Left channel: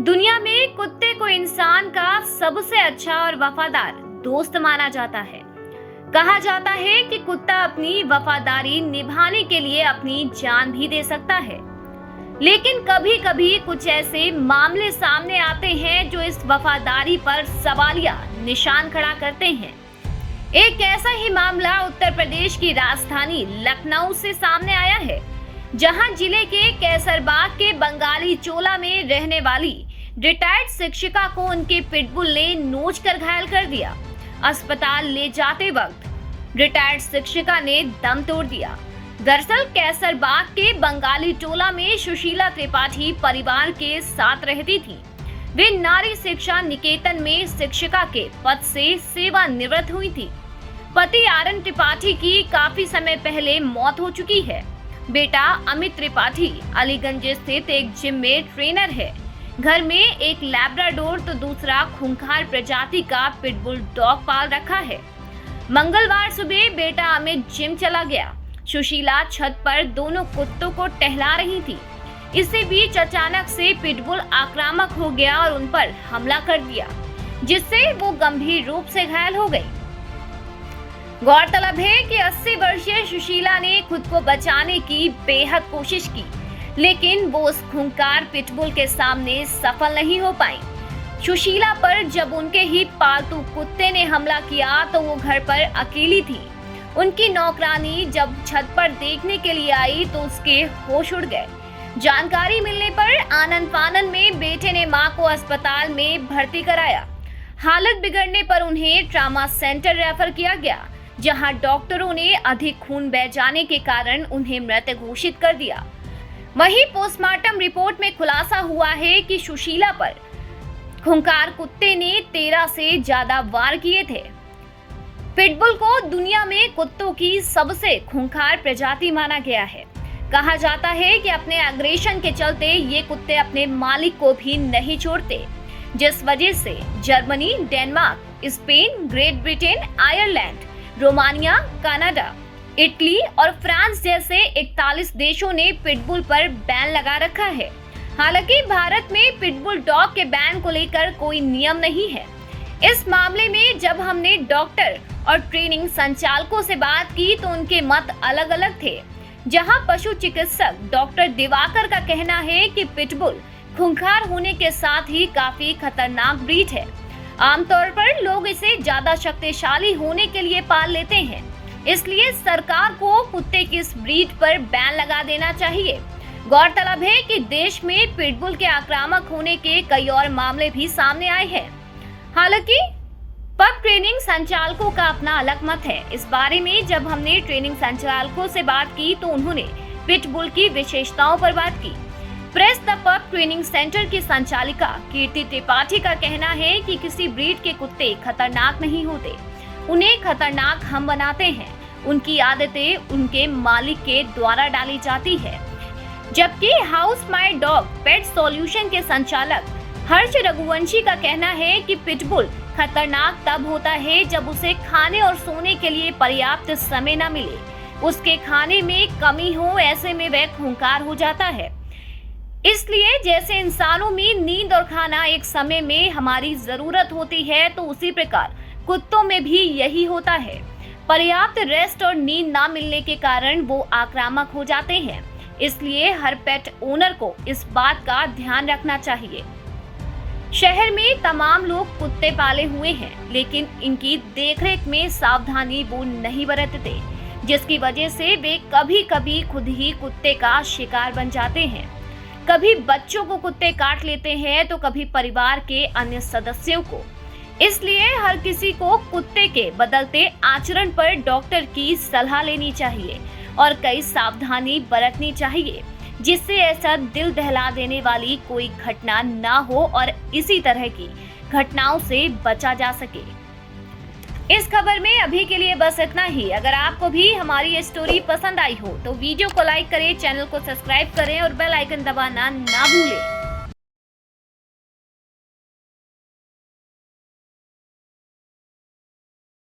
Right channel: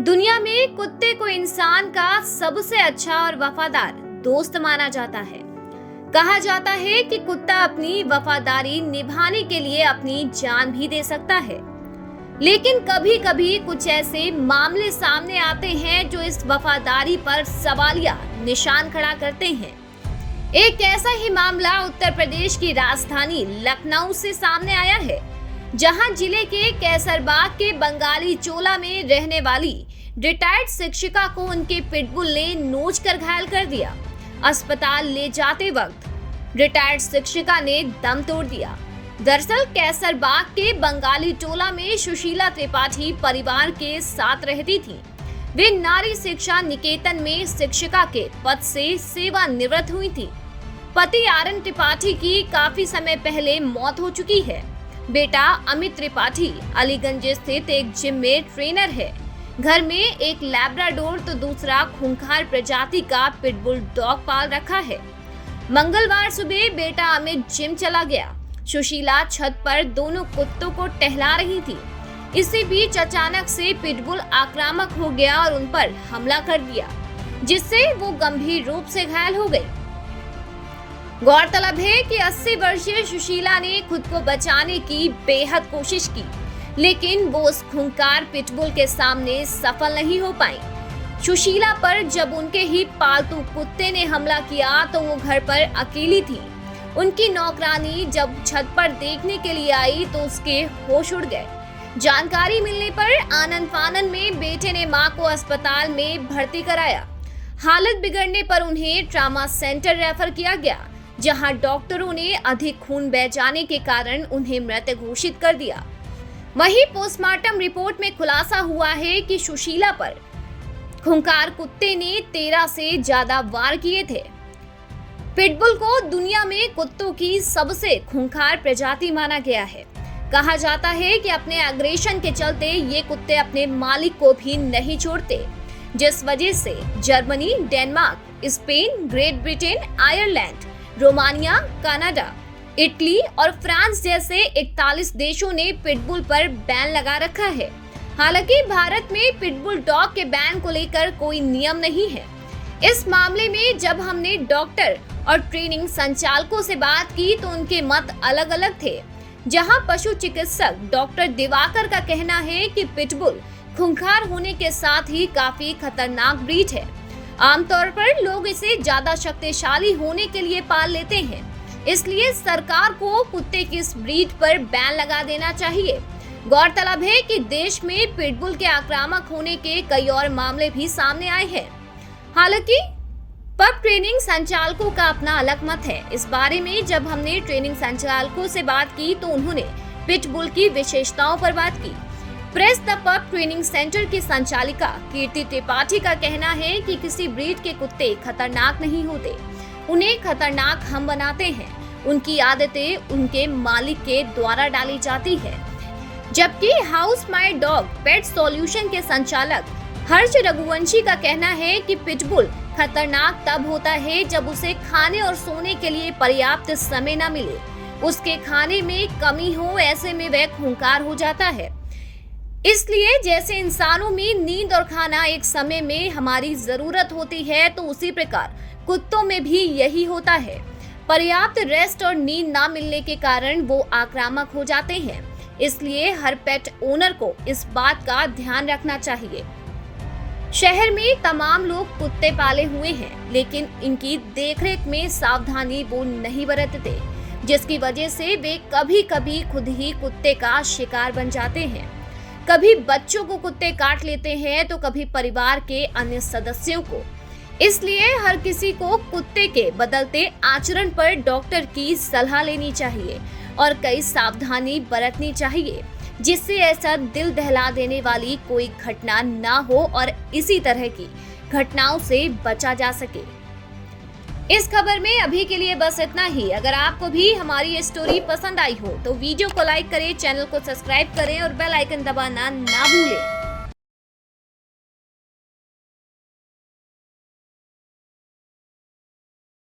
दुनिया में कुत्ते को इंसान का सबसे अच्छा और वफादार दोस्त माना जाता है। कहा जाता है कि कुत्ता अपनी वफादारी निभाने के लिए अपनी जान भी दे सकता है। लेकिन कभी-कभी कुछ ऐसे मामले सामने आते हैं जो इस वफादारी पर सवालिया निशान खड़ा करते हैं। एक ऐसा ही मामला उत्तर प्रदेश की राजधानी लखनऊ से सामने आया है, जहां जिले के कैसरबाग के बंगाली चोला में रहने वाली रिटायर्ड शिक्षिका को उनके पिटबुल ने नोचकर घायल कर दिया। अस्पताल ले जाते वक्त रिटायर्ड शिक्षिका ने दम तोड़ दिया। दरअसल कैसरबाग के बंगाली टोला में सुशीला त्रिपाठी परिवार के साथ रहती थी। वे नारी शिक्षा निकेतन में शिक्षिका के पद से सेवानिवृत्त हुई थी। पति आरएन त्रिपाठी की काफी समय पहले मौत हो चुकी है। बेटा अमित त्रिपाठी अलीगंज स्थित एक जिम में ट्रेनर है। घर में एक लैब्राडोर तो दूसरा खूंखार प्रजाति का पिटबुल डॉग पाल रखा है। मंगलवार सुबह बेटा अमित जिम चला गया। सुशीला छत पर दोनों कुत्तों को टहला रही थी। इसी बीच अचानक से पिटबुल आक्रामक हो गया और उन पर हमला कर दिया, जिससे वो गंभीर रूप से घायल हो गई। गौरतलब है कि 80 वर्षीय सुशीला ने खुद को बचाने की बेहद कोशिश की, लेकिन वो उस खूंखार पिटबुल के सामने सफल नहीं हो पाई। सुशीला पर जब उनके ही पालतू कुत्ते ने हमला किया तो वो घर पर अकेली थी। उनकी नौकरानी जब छत पर देखने के लिए आई तो उसके होश उड़ गए। जानकारी मिलने पर आनन फानन में बेटे ने मां को अस्पताल में भर्ती कराया। हालत बिगड़ने पर उन्हें ट्रामा सेंटर रेफर किया गया, जहां डॉक्टरों ने अधिक खून बह जाने के कारण उन्हें मृत घोषित कर दिया। वहीं पोस्टमार्टम रिपोर्ट में खुलासा हुआ है कि सुशीला पर खूंखार कुत्ते ने 13 से ज्यादा वार किए थे। पिटबुल को दुनिया में कुत्तों की सबसे खूंखार प्रजाति माना गया है। कहा जाता है कि अपने अग्रेशन के चलते ये कुत्ते अपने मालिक को भी नहीं छोड़ते, जिस वजह से Germany, Denmark, Spain, great Britain, Ireland, Romania, Canada, Italy और फ्रांस जैसे 41 देशों ने पिटबुल पर बैन लगा रखा है। हालांकि भारत में पिटबुल डॉग के बैन को लेकर कोई नियम नहीं है। इस मामले में जब हमने डॉक्टर और ट्रेनिंग संचालकों से बात की तो उनके मत अलग अलग थे। जहां पशु चिकित्सक डॉक्टर दिवाकर का कहना है कि पिटबुल खूंखार होने के साथ ही काफी खतरनाक ब्रीड है। आमतौर पर लोग इसे ज्यादा शक्तिशाली होने के लिए पाल लेते हैं, इसलिए सरकार को कुत्ते की इस ब्रीड पर बैन लगा देना चाहिए। गौरतलब है कि देश में पिटबुल के आक्रामक होने के कई और मामले भी सामने आए हैं। हालांकि पग ट्रेनिंग संचालकों का अपना अलग मत है। इस बारे में जब हमने ट्रेनिंग संचालकों से बात की तो उन्होंने पिटबुल की विशेषताओं पर बात की। प्रेस द पग ट्रेनिंग सेंटर की संचालिका कीर्ति त्रिपाठी का कहना है कि किसी ब्रीड के कुत्ते खतरनाक नहीं होते, उन्हें खतरनाक हम बनाते हैं। उनकी आदतें उनके मालिक के द्वारा डाली जाती है। जबकि house my dog pet solution के संचालक हर्ष रघुवंशी का कहना है कि पिटबुल खतरनाक तब होता है जब उसे खाने और सोने के लिए पर्याप्त समय न मिले, उसके खाने में कमी हो, ऐसे में वह खूंखार हो जाता है। इसलिए जैसे इंसानों में नींद और खाना एक समय में हमारी जरूरत होती है, तो उसी प्रकार कुत्तों में भी यही होता है। पर्याप्त रेस्ट और नींद ना मिलने के कारण वो आक्रामक हो जाते हैं। इसलिए हर पेट ओनर को इस बात का ध्यान रखना चाहिए। शहर में तमाम लोग कुत्ते पाले हुए हैं, लेकिन इनकी देखरेख में सावधानी वो नहीं बरतते, जिसकी वजह से वे कभी-कभी खुद ही कुत्ते का शिकार बन जाते हैं। कभी बच्चों को कुत्ते काट लेते हैं तो कभी परिवार के अन्य सदस्यों को। इसलिए हर किसी को कुत्ते के बदलते आचरण पर डॉक्टर की सलाह लेनी चाहिए और कई सावधानी बरतनी चाहिए, जिससे ऐसा दिल दहला देने वाली कोई घटना ना हो और इसी तरह की घटनाओं से बचा जा सके। इस खबर में अभी के लिए बस इतना ही। अगर आपको भी हमारी ये स्टोरी पसंद आई हो तो वीडियो को लाइक करें, चैनल को सब्सक्राइब करें और बेल आइकन दबाना ना भूलें।